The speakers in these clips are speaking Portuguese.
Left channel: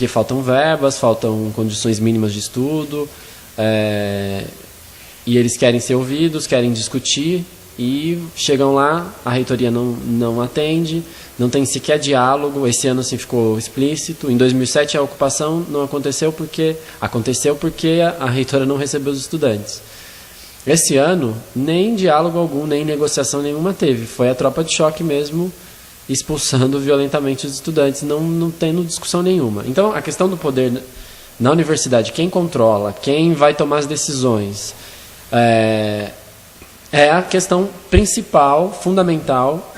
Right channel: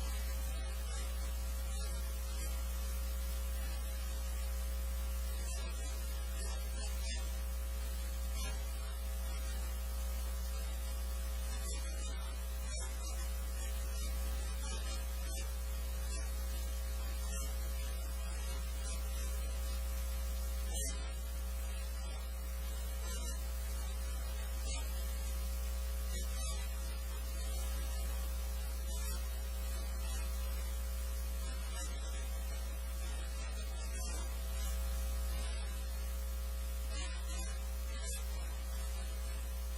porque faltam verbas, faltam condições mínimas de estudo, e eles querem ser ouvidos, querem discutir, e chegam lá, a reitoria não atende, não tem sequer diálogo. Esse ano assim ficou explícito. Em 2007 a ocupação não aconteceu porque a reitora não recebeu os estudantes. Esse ano nem diálogo algum, nem negociação nenhuma teve. Foi a tropa de choque mesmo, expulsando violentamente os estudantes, não tendo discussão nenhuma. Então a questão do poder na universidade, quem controla, quem vai tomar as decisões, é a questão principal, fundamental,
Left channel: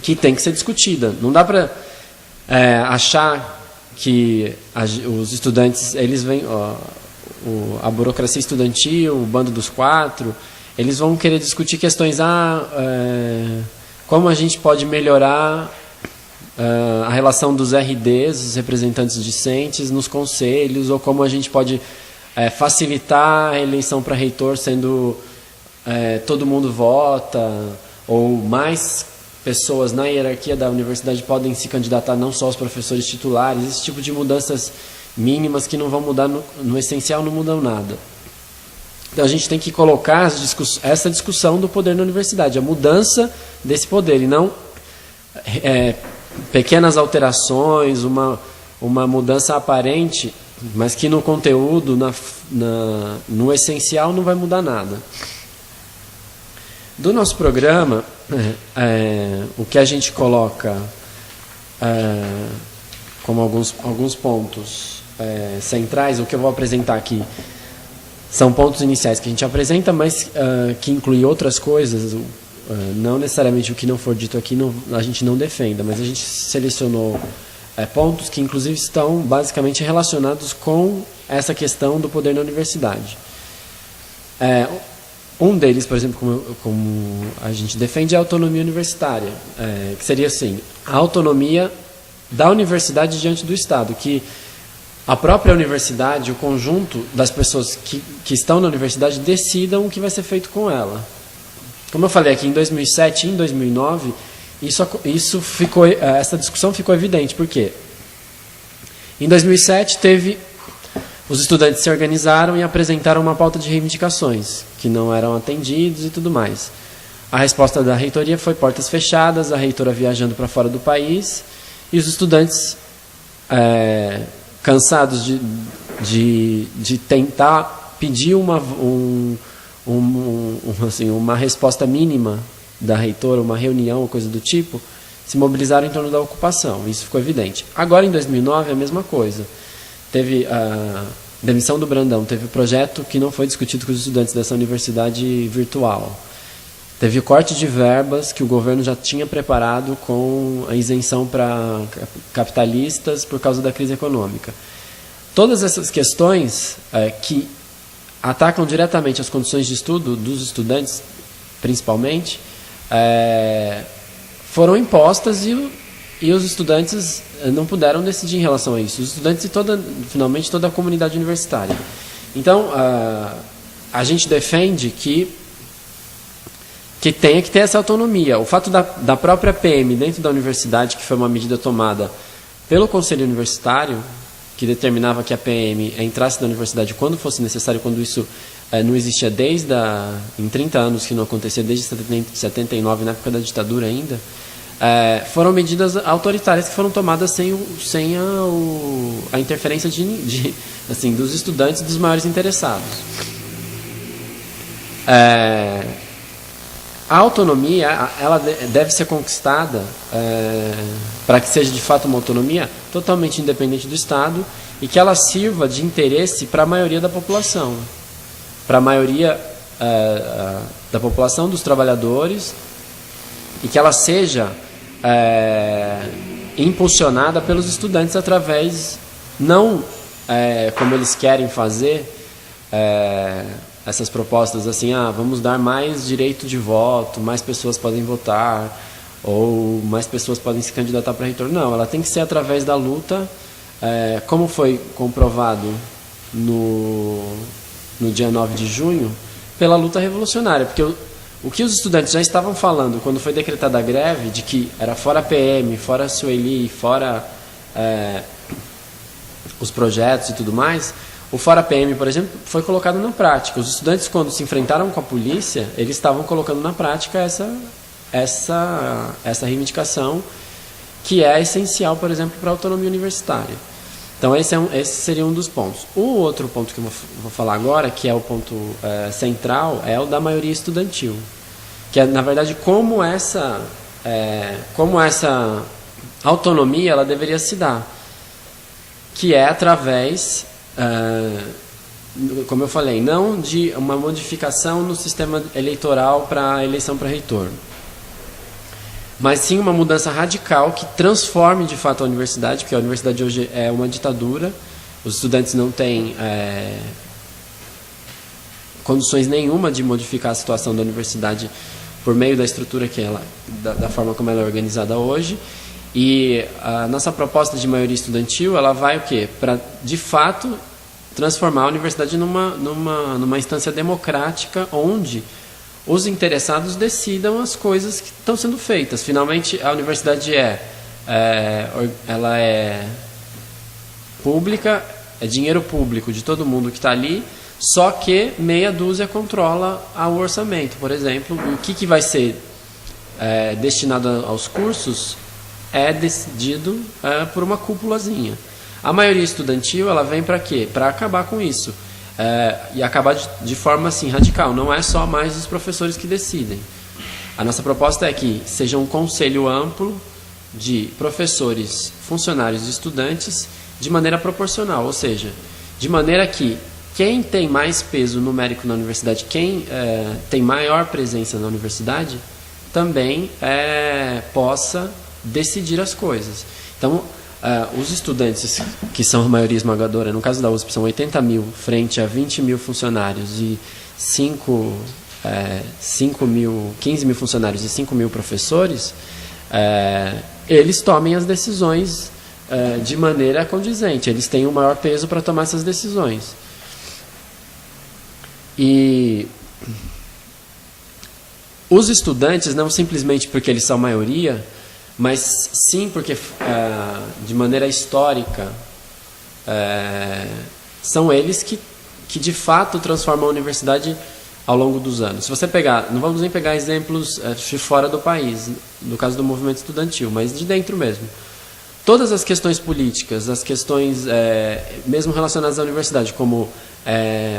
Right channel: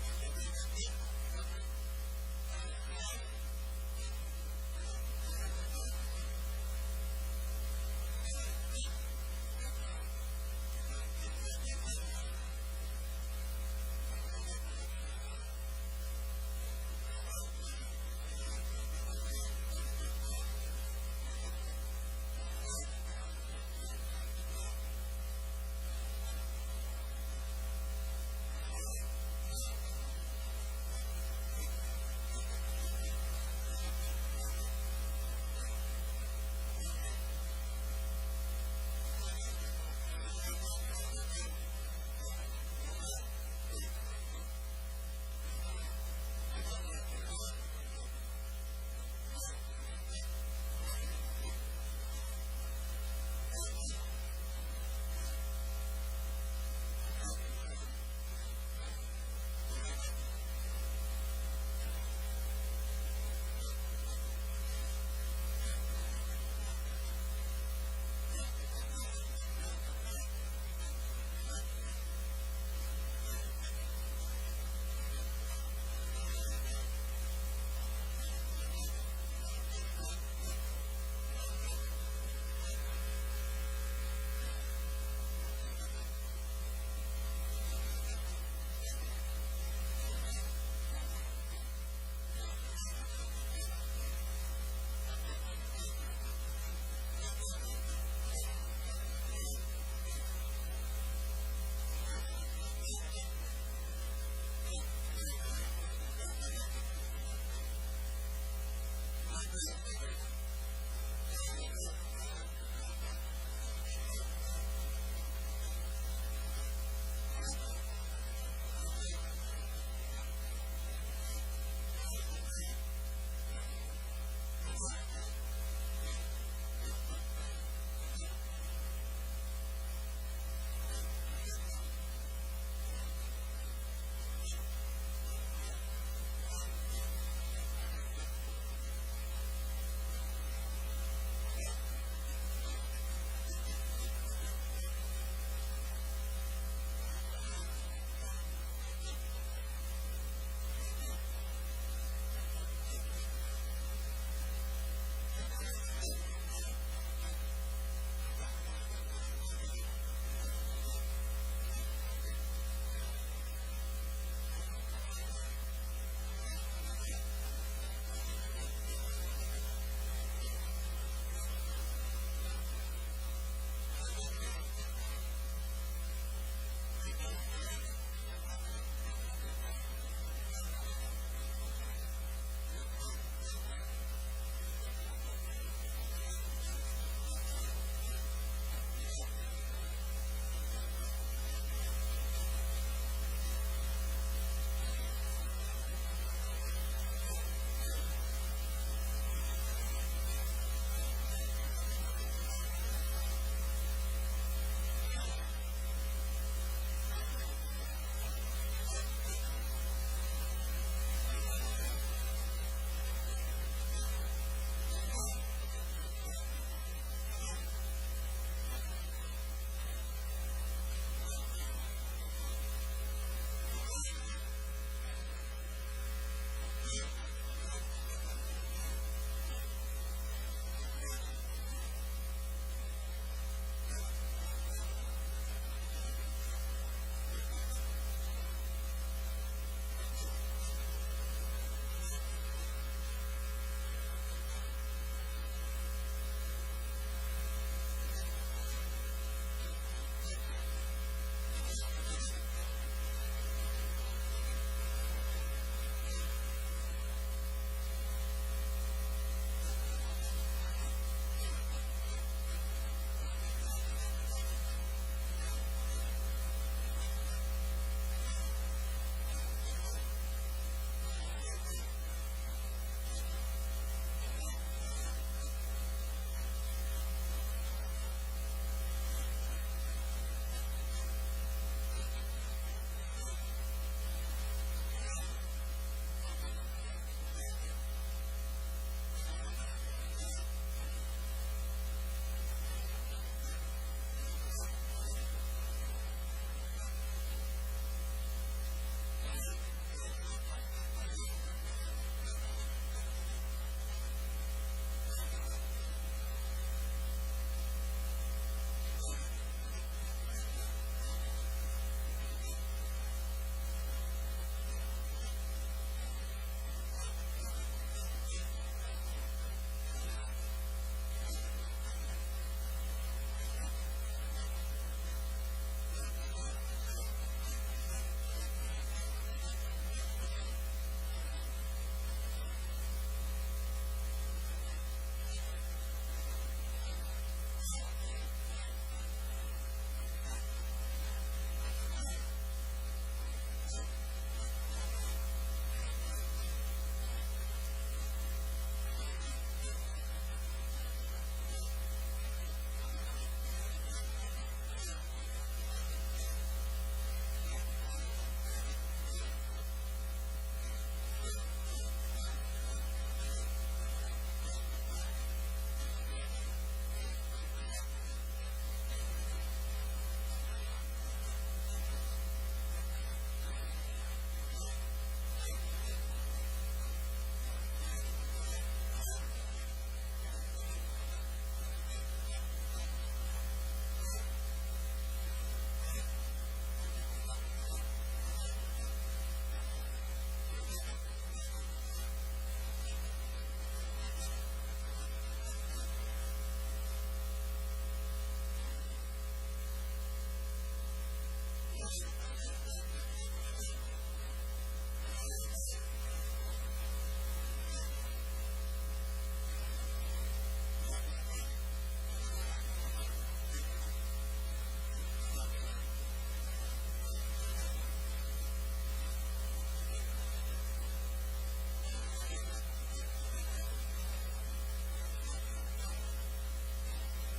que tem que ser discutida. Não dá para achar que os estudantes, eles vêm, a burocracia estudantil, o bando dos quatro, eles vão querer discutir questões, como a gente pode melhorar a relação dos RDs, os representantes discentes, nos conselhos, ou como a gente pode facilitar a eleição para reitor, sendo todo mundo vota, ou mais pessoas na hierarquia da universidade podem se candidatar, não só os professores titulares. Esse tipo de mudanças mínimas que não vão mudar, no essencial não mudam nada. Então a gente tem que colocar essa discussão do poder na universidade, a mudança desse poder, e não pequenas alterações, uma mudança aparente, mas que no conteúdo, no essencial, não vai mudar nada. Do nosso programa, o que a gente coloca como alguns pontos centrais, o que eu vou apresentar aqui são pontos iniciais que a gente apresenta, mas que inclui outras coisas, não necessariamente o que não for dito aqui a gente não defenda, mas a gente selecionou pontos que inclusive estão basicamente relacionados com essa questão do poder na universidade. Um deles, por exemplo, como a gente defende, é a autonomia universitária, que seria assim, a autonomia da universidade diante do Estado, que a própria universidade, o conjunto das pessoas que estão na universidade decidam o que vai ser feito com ela. Como eu falei aqui, em 2007 e em 2009, essa discussão ficou evidente. Por quê? Em 2007 os estudantes se organizaram e apresentaram uma pauta de reivindicações, que não eram atendidos e tudo mais. A resposta da reitoria foi portas fechadas, a reitora viajando para fora do país, e os estudantes, cansados de tentar pedir uma resposta mínima da reitora, uma reunião ou coisa do tipo, se mobilizaram em torno da ocupação. Isso ficou evidente. Agora, em 2009, é a mesma coisa. Teve a demissão do Brandão, teve o projeto que não foi discutido com os estudantes dessa universidade virtual. Teve o corte de verbas que o governo já tinha preparado com a isenção para capitalistas por causa da crise econômica. Todas essas questões que atacam diretamente as condições de estudo dos estudantes, principalmente, foram impostas e os estudantes não puderam decidir em relação a isso. Os estudantes e finalmente toda a comunidade universitária. Então, a gente defende que tenha que ter essa autonomia. O fato da própria PM dentro da universidade, que foi uma medida tomada pelo Conselho Universitário, que determinava que a PM entrasse na universidade quando fosse necessário, quando isso não existia em 30 anos que não acontecia, desde 79, na época da ditadura ainda, foram medidas autoritárias que foram tomadas sem a interferência dos estudantes e dos maiores interessados. A autonomia, ela deve ser conquistada para que seja de fato uma autonomia totalmente independente do Estado e que ela sirva de interesse para a maioria da população, para a maioria da população, dos trabalhadores, e que ela seja impulsionada pelos estudantes através, não como eles querem fazer, essas propostas assim, vamos dar mais direito de voto, mais pessoas podem votar, ou mais pessoas podem se candidatar para reitor. Não, ela tem que ser através da luta, como foi comprovado no dia 9 de junho, pela luta revolucionária, porque o que os estudantes já estavam falando quando foi decretada a greve, de que era fora a PM, fora a Sueli, fora os projetos e tudo mais, o Fora PM, por exemplo, foi colocado na prática. Os estudantes, quando se enfrentaram com a polícia, eles estavam colocando na prática essa reivindicação, que é essencial, por exemplo, para a autonomia universitária. Então, esse seria um dos pontos. O outro ponto que eu vou falar agora, que é o ponto central, é o da maioria estudantil. Que é, na verdade, como essa autonomia ela deveria se dar. Que é através, como eu falei, não de uma modificação no sistema eleitoral para a eleição para reitor, mas sim uma mudança radical que transforme de fato a universidade, porque a universidade hoje é uma ditadura, os estudantes não têm condições nenhuma de modificar a situação da universidade por meio da estrutura da forma como ela é organizada hoje. E a nossa proposta de maioria estudantil, ela vai o quê? Para, de fato, transformar a universidade numa instância democrática onde os interessados decidam as coisas que estão sendo feitas. Finalmente, a universidade ela é pública, é dinheiro público de todo mundo que está ali, só que meia dúzia controla o orçamento. Por exemplo, o que vai ser destinado aos cursos é decidido por uma cúpulazinha. A maioria estudantil ela vem para quê? Para acabar com isso. E acabar de forma assim, radical. Não é só mais os professores que decidem. A nossa proposta é que seja um conselho amplo de professores, funcionários e estudantes de maneira proporcional. Ou seja, de maneira que quem tem mais peso numérico na universidade, quem tem maior presença na universidade, também possa decidir as coisas. Então, os estudantes, que são a maioria esmagadora, no caso da USP, são 80 mil frente a 20 mil funcionários e 15 mil funcionários e 5 mil professores, eles tomem as decisões de maneira condizente. Eles têm o maior peso para tomar essas decisões. E os estudantes, não simplesmente porque eles são maioria, mas sim porque, de maneira histórica, são eles que de fato transformam a universidade ao longo dos anos. Se você pegar, não vamos nem pegar exemplos de fora do país, no caso do movimento estudantil, mas de dentro mesmo. Todas as questões políticas, as questões mesmo relacionadas à universidade, como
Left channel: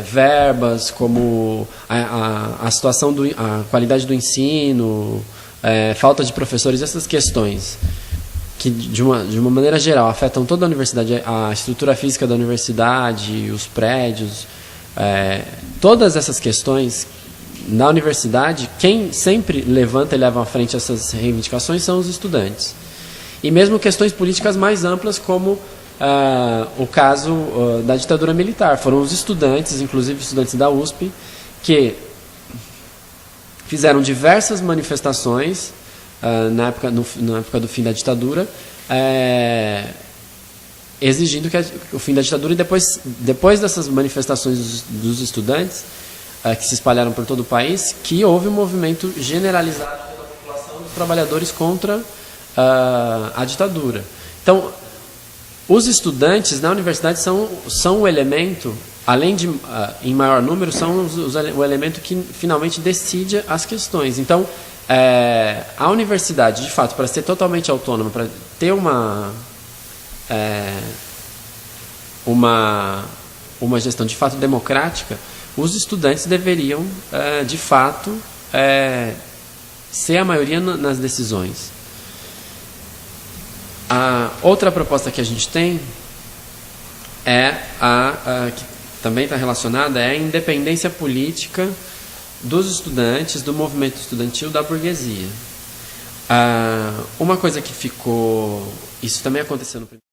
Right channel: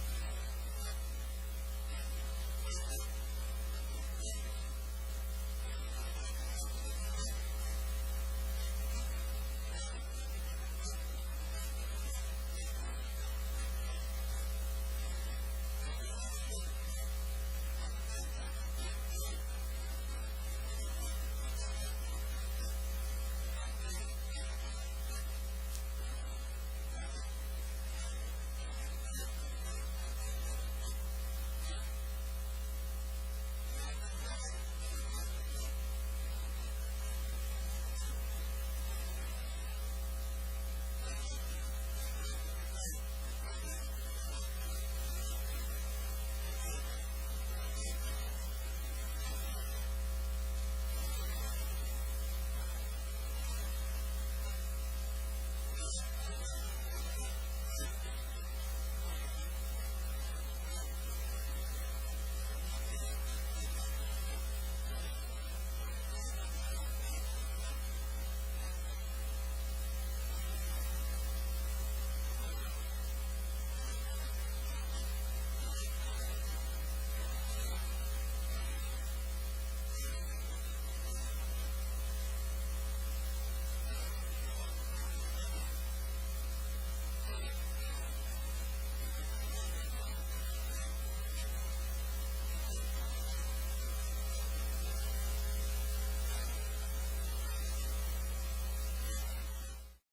verbas, como a situação, a qualidade do ensino, falta de professores, essas questões que de uma maneira geral afetam toda a universidade, a estrutura física da universidade, os prédios, todas essas questões na universidade, quem sempre levanta e leva à frente essas reivindicações são os estudantes. E mesmo questões políticas mais amplas, como o caso da ditadura militar. Foram os estudantes, inclusive estudantes da USP, que fizeram diversas manifestações na época do fim da ditadura, exigindo o fim da ditadura, e depois dessas manifestações dos estudantes, que se espalharam por todo o país, que houve um movimento generalizado pela população dos trabalhadores contra a ditadura. Então, os estudantes na universidade são o elemento, além de, em maior número, são o elemento que finalmente decide as questões. Então, a universidade, de fato, para ser totalmente autônoma, para ter uma gestão de fato democrática, os estudantes deveriam, de fato, ser a maioria nas decisões. A outra proposta que a gente tem que também está relacionada, é a independência política dos estudantes, do movimento estudantil, da burguesia. Uma coisa que ficou... Isso também aconteceu no primeiro...